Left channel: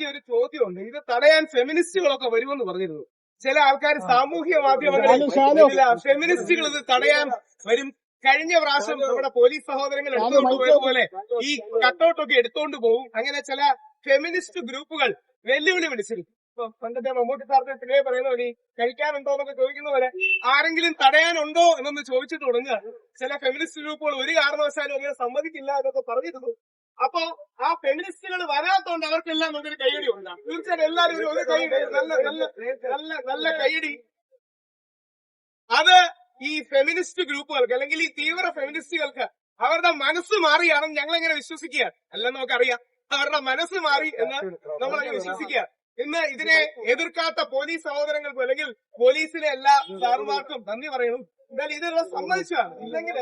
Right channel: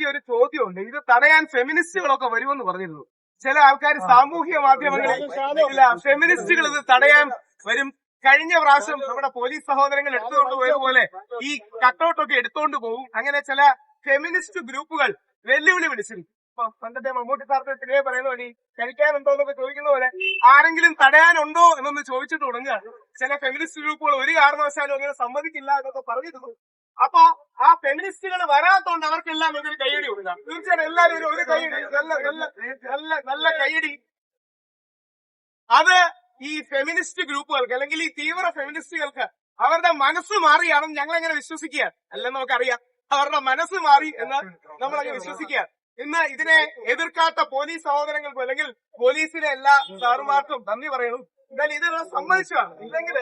ആദ്യം ഒരു ചോദ്യമുണ്ട്. ഇത് തടയാൻ ഫെമിനിസ്റ്റുകളൊക്കെ വരുമെന്ന് പറഞ്ഞിരുന്നു. ചില ആൾക്കാർ സാമൂഹ്യ മാധ്യമങ്ങളിൽ ചില ഫെമിനിസ്റ്റുകൾ ഇത് തടയാൻ വരും. കഴിഞ്ഞ പ്രാവശ്യം നമ്മുടെ പോലീസ് സഹോദരങ്ങൾ എടുത്തുകൊണ്ട് പോയതുപോലെ ഈ കട്ടൗട്ടൊക്കെ എടുത്തോണ്ട് പോകും. അങ്ങനെ ചില ഫെമിനിസ്റ്റ് ഗ്രൂപ്പുകൾ വെല്ലുവിളി വിളിച്ചിരിക്കും. ഇപ്പൊ പണ്ടത്തെ മമ്മൂട്ടി സാറിന്റെ സിനിമ പറയുന്ന പോലെ കഴിക്കാനുണ്ടോ എന്നൊക്കെ ചോദിക്കുന്ന പോലെ ആരെങ്കിലും തടയാനുണ്ടോ എന്നൊന്ന് ചോദിച്ചിട്ട് തുടങ്ങുക. ചില ഫെമിനിസ്റ്റ് ഗ്രൂപ്പുകൾ ഒരു കാരണവശാലും അങ്ങനെ സമ്മതിക്കില്ല എന്നൊക്കെ പറഞ്ഞിരുന്നു. അപ്പൊ ആ ഫെമിനിസ്റ്റുകൾ വരാത്തോണ്ട് അവർക്കെല്ലാം ഒരു കൈയടി കൊടുക്കാം. തീർച്ചയായും എല്ലാവരും ഒരു കൈയടി, നല്ല നല്ല നല്ല നല്ല കൈയടി. അത് ഈ ഫെമിനിസ്റ്റ് ഗ്രൂപ്പുകൾക്ക് അല്ലെങ്കിൽ ഈ തീവ്ര ഫെമിനിസ്റ്റുകൾക്ക് അവരുടെ മനസ്സ് മാറിയാണെന്ന് ഞങ്ങളെങ്ങനെ വിശ്വസിക്കുക? അല്ലെന്ന് നമുക്കറിയാം. അവരുടെ മനസ്സ് മാറി എന്ന് നമ്മളങ്ങനെ വിശ്വസിക്കുക. ഇന്ന് ഇതിനെ എതിർക്കാത്ത പോലീസ് സഹോദരങ്ങൾക്കും അല്ലെങ്കിൽ പോലീസിലെ എല്ലാ സാറുമാർക്കും നന്ദി പറയുന്നു. എന്തായാലും ഇത് സമ്മതിച്ചതാണ്. ഇല്ലെങ്കിൽ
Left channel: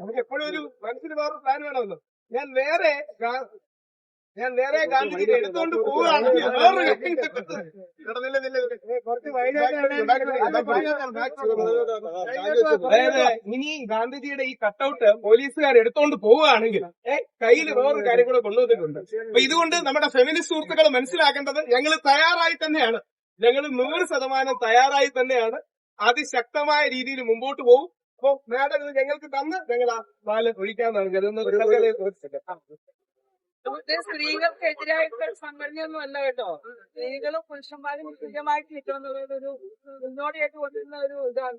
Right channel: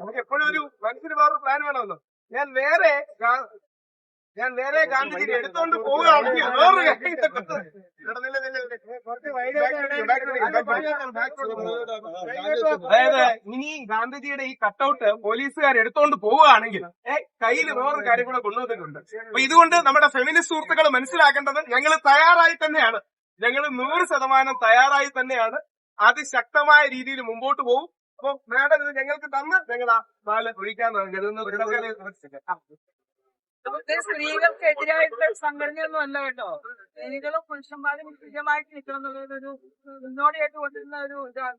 നമുക്ക് എപ്പോഴും ഒരു മനസ്സിന് വേറൊരു പ്ലാൻ വേണമല്ലോ. ഞാൻ വേറെ ഗാന്ധിജിയെ എടുത്തോണ്ട് പോവുകയാണെങ്കിൽ അതായത് ഇനി ഗാന്ധിജിയുടെ ഈ കട്ടൗട്ട് പോലീസുകാർ എടുത്തോണ്ട് പോവുകയാണെങ്കിൽ കയ്യിൽ വേറൊരു കാര്യം കൂടെ കൊണ്ടുവന്നിട്ടുണ്ട്. അപ്പൊ ഇതുകൊണ്ട് നമ്മുടെ ഫെമിനിസ്റ്റ് സുഹൃത്തുക്കൾ മനസ്സിലാക്കേണ്ടത് ഞങ്ങൾ തയ്യാറായി തന്നെയാണ്. ഞങ്ങൾ 100% തയ്യാറായി തന്നെയാണ്. അതിശക്തമായ രീതിയിൽ മുമ്പോട്ട് പോകും. അപ്പൊ മാഡം ഇത് ഞങ്ങൾക്ക് തന്ന് ഞങ്ങൾ ആ പാല് ഒഴിക്കാന്നാണ് കരുതുന്നത്. സ്ത്രീകൾക്കെതിരായിട്ടുള്ള സംഘടനയൊന്നും അല്ല കേട്ടോ. സ്ത്രീകളും പുരുഷന്മാരും തുല്യമായിട്ട് നിൽക്കണം എന്നുള്ളൊരു മുന്നോടിയായിട്ട് കൊണ്ടിരുന്ന ഒരു ഇതാണ്.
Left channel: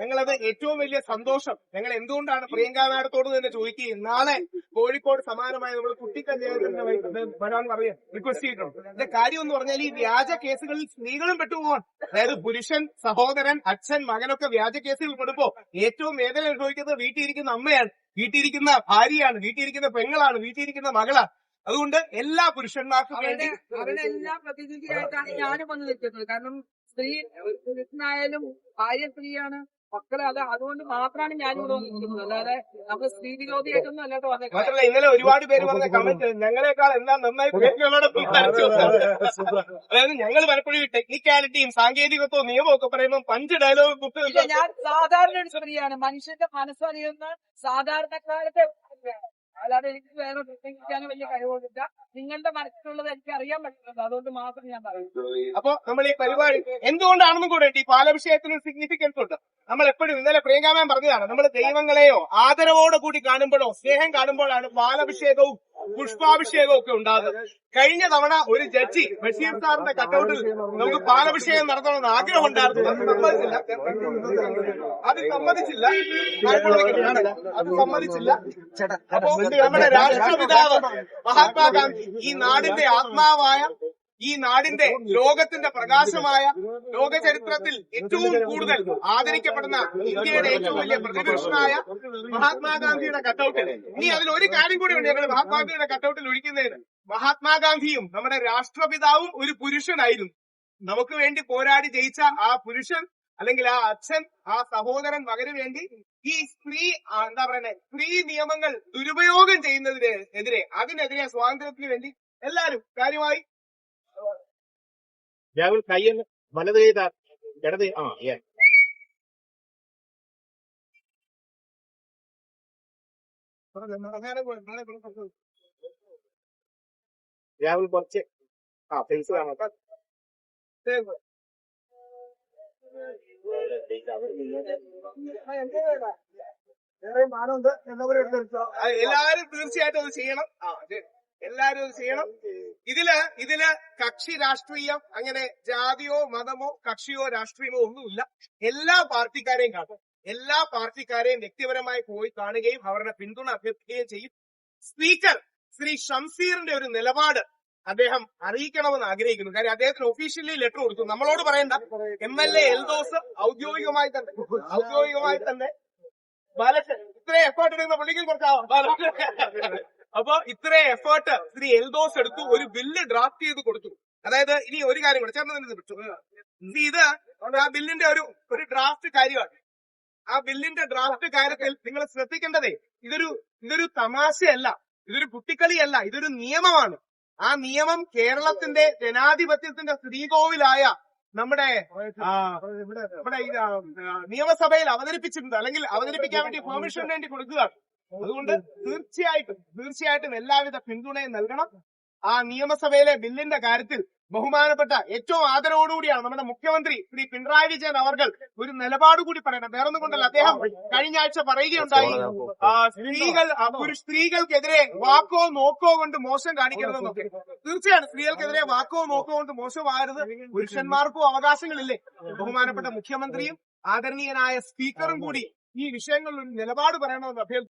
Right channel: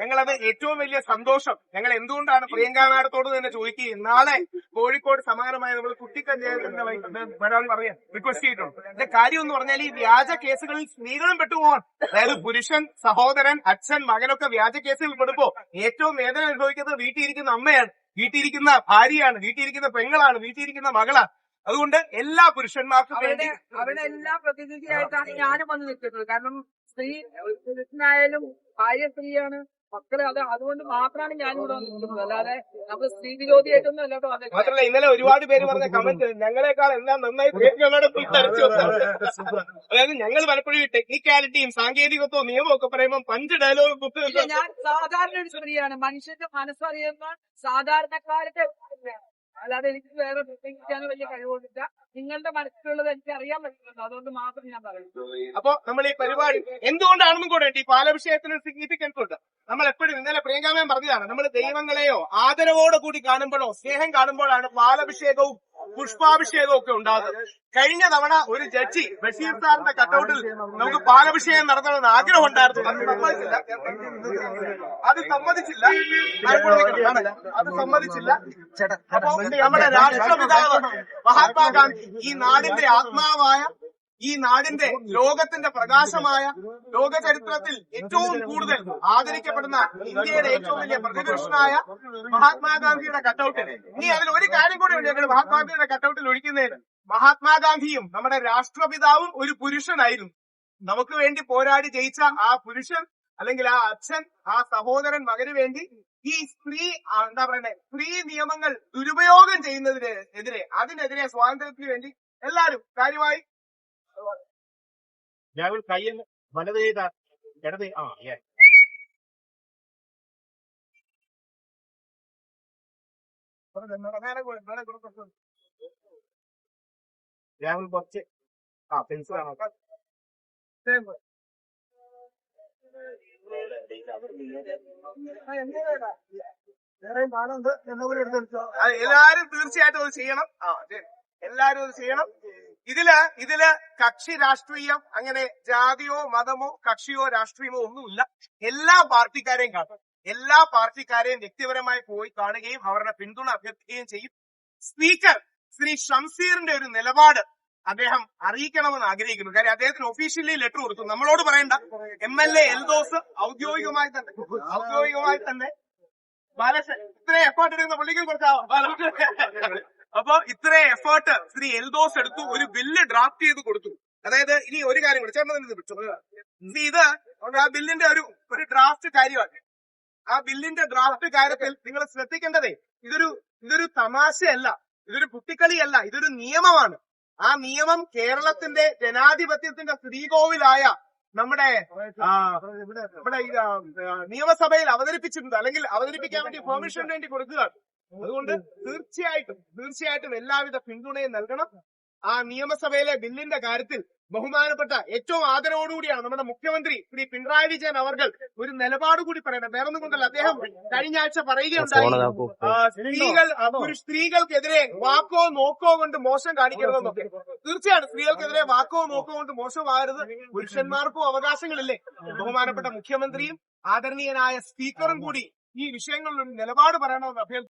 ഞങ്ങളത് ഏറ്റവും വലിയ സന്തോഷം. ഞങ്ങൾ എന്തുകൊണ്ടാണ് പ്രിയങ്ക മാഡത്തോട് തന്നെ ചോദിക്കുകയും നാളെ കോഴിക്കോട് സമാനമായ നമ്മൾ കുട്ടിക്കല്യാണത്തിന്റെ വരാൻ പറയാൻ റിക്വസ്റ്റ് ചെയ്തിട്ടുണ്ട്. ഇതിന്റെ കാര്യം എന്ന് പറഞ്ഞാൽ ഈ വ്യാജ കേസുകളിൽ സ്ത്രീകളും പെട്ടുപോകാൻ, അതായത് പുരുഷൻ, സഹോദരൻ, അച്ഛൻ, മകനൊക്കെ വ്യാജ കേസുകൾ പെടുമ്പോ ഏറ്റവും വേദന അനുഭവിക്കുന്നത് വീട്ടിലിരിക്കുന്ന അമ്മയാണ്, വീട്ടിലിരിക്കുന്ന ഭാര്യയാണ്, വീട്ടിലിരിക്കുന്ന പെങ്ങളാണ്, വീട്ടിലിരിക്കുന്ന മകളാണ്. അതുകൊണ്ട് എല്ലാ പുരുഷന്മാർക്കും വേണ്ടി അവരുടെ എല്ലാ പ്രതിനിധിയായിട്ടാണ് ഞാനും വന്ന് നിൽക്കുന്നത്. കാരണം സ്ത്രീ പുരുഷനായാലും ഭാര്യ സ്ത്രീയാണ്, മക്കളെ അതുകൊണ്ട് മാത്രമാണ് ഞാനിവിടെ വന്നിരിക്കുന്നത്. അല്ലാതെ നമ്മൾ സ്ത്രീ വിരോധിയായിട്ടൊന്നും അല്ലാതെ വന്നത്. മാത്രമല്ല ഇന്നലെ ഒരുപാട് പേര് പറഞ്ഞ കമന്റ് ഞങ്ങളെക്കാൾ എല്ലാം നന്നായി അതായത് ഞങ്ങൾ പലപ്പോഴും ടെക്നിക്കാലിറ്റിയും സാങ്കേതികത്വവും നിയമവും ഒക്കെ പറയുമ്പോൾ 5 ഡയലോഗ് ഞാൻ സാധാരണ ഒരു സ്ത്രീയാണ്. മനുഷ്യന്റെ മനസ്സറിയുന്ന സാധാരണക്കാരുടെ അല്ലാതെ എനിക്ക് വേറെ പ്രത്യേകിക്കാനോ വലിയ കഴിവൊന്നുമില്ല. നിങ്ങളുടെ മനസ്സിലുള്ളത് എനിക്ക് അറിയാൻ പറ്റുന്നത്, അതുകൊണ്ട് മാത്രം ഞാൻ പറയുന്നു. അപ്പൊ നമ്മൾ ഈ പരിപാടി എന്തുകൊണ്ടാണെന്നും കൂടെ ഈ പാലഭിഷേകത്തിന് സിഗ്നിഫിക്കൻസ് ഉണ്ട്. നമ്മൾ എപ്പോഴും ഇന്നലെ പ്രിയങ്കാമൻ പറഞ്ഞതാണ്, നമ്മൾ ദൈവങ്ങളെയോ ആദരവോടെ കൂടി കാണുമ്പോഴോ സ്നേഹം കാണുമ്പോഴാണ് പാലഭിഷേകവും പുഷ്പാഭിഷേകവും ഒക്കെ ഉണ്ടാകുന്നത്. കഴിഞ്ഞ തവണ ഒരു ജഡ്ജി ബഷീർ സാറിന്റെ കട്ടൗട്ടിൽ നമുക്ക് പാലഭിഷേകം നടത്തണമെന്ന് ആഗ്രഹം ഉണ്ടായിരുന്നു. അത് സമ്മതിച്ചില്ല. അപ്പോ നമ്മുടെ രാഷ്ട്രപിതാവ് മഹാത്മാഗാന്ധി, ഈ നാടിന്റെ ആത്മാവായ, ഈ നാടിന്റെ ലോകത്തിന്റെ പ്രകാശമായ, ലോക ചരിത്രത്തിൽ ഏറ്റവും കൂടുതൽ ആദരിക്കപ്പെടുന്ന ഇന്ത്യയുടെ ഏറ്റവും വലിയ പ്രതിപുരുഷനായ മഹാത്മാഗാന്ധിയുടെ കട്ടൗട്ടിൽ ഇനി അതിൽ ഒരു കാര്യം കൂടി ഉണ്ട്. ഞങ്ങൾ മഹാത്മാഗാന്ധിയുടെ കട്ടൗട്ടിൽ ഒഴിക്കുന്നതിന് മഹാത്മാഗാന്ധിയും നമ്മുടെ രാഷ്ട്രപിതാവും ഒരു പുരുഷനായിരുന്നു. നമുക്ക് വേണ്ടി പോരാടി ജയിച്ച ആ പുരുഷൻ അല്ലെങ്കിൽ ആ അച്ഛൻ, ആ സഹോദരൻ മകന് വേണ്ടി ഈ സ്ത്രീ നിയമങ്ങൾ ദുരുപയോഗം ചെയ്യുന്നതിനെതിരെ, അതിനെതിരെ സ്വാതന്ത്ര്യത്തിന് വേണ്ടി എല്ലാവരും കാര്യമായി കയ്യെന്ന് വലത് ചെയ്ത ഇടത് രാഹുൽ കുറച്ച് ഫേസ് കാണാം. എല്ലാരും തീർച്ചയായിട്ടും അത് ചെയ്യണം. എല്ലാരും അത് ചെയ്യണം. ഇതില് കക്ഷി രാഷ്ട്രീയം, അങ്ങനെ ജാതിയോ മതമോ കക്ഷിയോ രാഷ്ട്രീയമോ ഒന്നുമില്ല. എല്ലാ പാർട്ടിക്കാരെയും കാണും. എല്ലാ പാർട്ടിക്കാരെയും വ്യക്തിപരമായി പോയി കാണുകയും അവരുടെ പിന്തുണ അഭ്യർത്ഥിക്കുകയും ചെയ്യും. സ്പീക്കർ ശ്രീ ഷംസീറിന്റെ ഒരു നിലപാട് അദ്ദേഹം അറിയിക്കണമെന്ന് ആഗ്രഹിക്കുന്നു. കാര്യം അദ്ദേഹത്തിന് ഒഫീഷ്യലി ലെറ്റർ കൊടുത്തു. നമ്മളോട് പറയണ്ട. MLA എൽദോസ് ഔദ്യോഗികമായി തന്നെ ബാലകൃഷ്ണൻ ഇത്രയും എഫേർട്ട് എടുക്കുന്ന പുള്ളിക്കും കുറച്ചാവും. അപ്പൊ ഇത്രയും എഫേർട്ട് ശ്രീ എൽദോസ് എടുത്തു, ഒരു ബില്ല് ഡ്രാഫ്റ്റ് ചെയ്ത് കൊടുത്തു. അതായത് ഇനി ഒരു കാര്യം കൂടെ ഇത് ആ ബില്ലിന്റെ ഒരു ഡ്രാഫ്റ്റ് കാര്യമാണ്. ആ ബില്ലിന്റെ ഡ്രാഫ്റ്റ് കാര്യത്തിൽ നിങ്ങൾ ശ്രദ്ധിക്കേണ്ടതേ ഇതൊരു തമാശയല്ല, ഇതൊരു കുട്ടിക്കളിയല്ല, ഇതൊരു നിയമമാണ്. ആ നിയമം കേരളത്തിന്റെ ജനാധിപത്യത്തിന്റെ ശ്രീകോവിലായ നമ്മുടെ നിയമസഭയിൽ അവതരിപ്പിച്ചിട്ടുണ്ട്, അല്ലെങ്കിൽ അവതരിപ്പിക്കാൻ വേണ്ടി പെർമിഷന് വേണ്ടി കൊടുക്കുകയാണ്. അതുകൊണ്ട് തീർച്ചയായിട്ടും എല്ലാവിധ പിന്തുണയും നൽകണം. ആ നിയമസഭയിലെ ബില്ലിന്റെ കാര്യത്തിൽ ബഹുമാനപ്പെട്ട ഏറ്റവും ആദരവോടുകൂടിയാണ് നമ്മുടെ മുഖ്യമന്ത്രി ശ്രീ പിണറായി വിജയൻ അവർകൾ ഒരു നിലപാട് കൂടി പറയണം. വേറൊന്നും കൊണ്ടല്ല, അദ്ദേഹം കഴിഞ്ഞ ആഴ്ച പറയുകയുണ്ടായി, സ്ത്രീകൾക്കെതിരെ വാക്കോ നോക്കോ കൊണ്ട് മോശം കാണിക്കരുതെന്നൊക്കെ. തീർച്ചയായും സ്ത്രീകൾക്കെതിരെ വാക്കോ നോക്കോ കൊണ്ട് മോശമാകരുത്. പുരുഷന്മാർക്കും അവകാശങ്ങളില്ലേ? ബഹുമാനപ്പെട്ട മുഖ്യമന്ത്രിയും ആദരണീയനായ സ്പീക്കറും കൂടി ഈ വിഷയങ്ങളിൽ ഒരു നിലപാട് പറയണമെന്ന് അഭ്യർത്ഥിക്കുന്നു.